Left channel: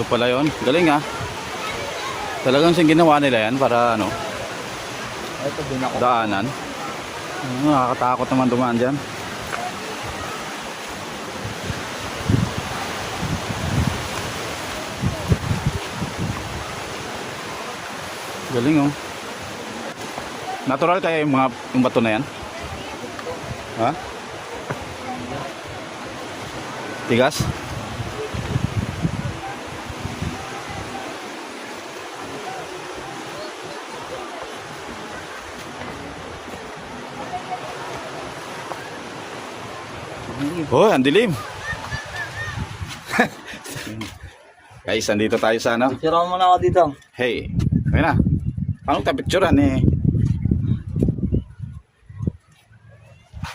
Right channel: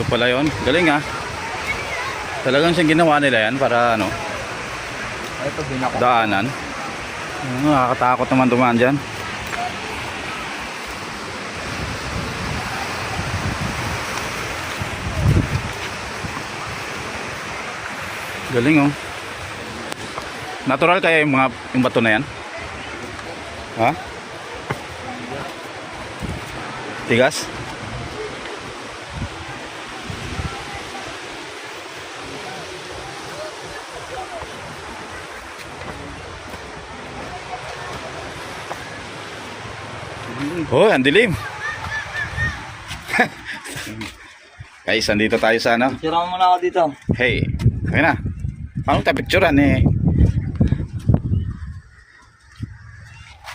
Ito pala yun. Galing ha. Talagang siyang ginawa nila yan para ano, Ito din ako. daanan. Nakakatakot naman dumaan dyan. Galing oh. Natural kaya yung bato na yan? Ha? Tigas? Oh, ang dilim. Guys, andito tayo sa ano? Tira mo muna ako dito. Hey, okay na. Paano tayo picturean eh?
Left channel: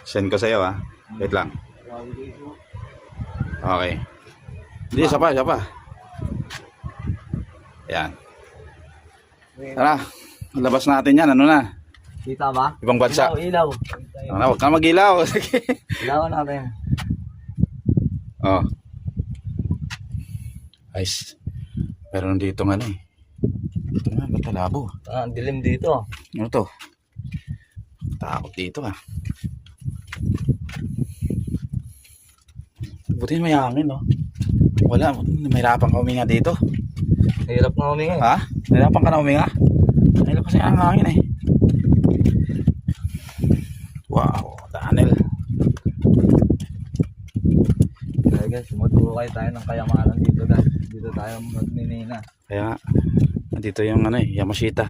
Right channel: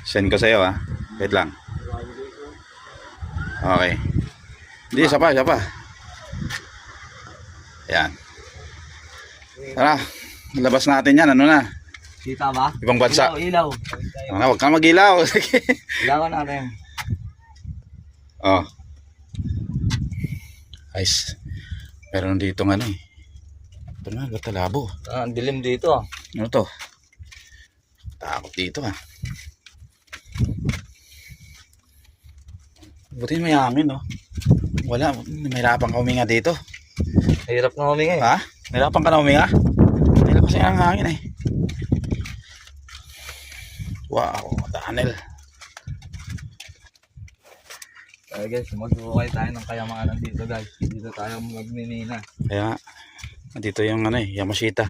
Send ko sa'yo ha. Wait lang. Okay. Hindi, isa pa. Ayan. Tara, labas natin yan. Ano na? Kita ba? Ibang bansa. Ilaw. Ano, huwag kang mag-ilaw. Ilawan natin. Oh. Guys, meron dito nga ano eh. Ito na, batalabo. Ang dilim dito. Ano to? Takot dito ah. Buti may hangin no. Wala, mahirapan ka huminga dito. Hirap na huminga eh. Ha? Mahirapan ka na huminga? Mahirap kasi ang hangin eh. Wow, tunnel. Okay guys, magbuhay tayo ng kayamanan dito guys. Dito tayo magninina. Kaya, dito yung ano eh, Yamashita.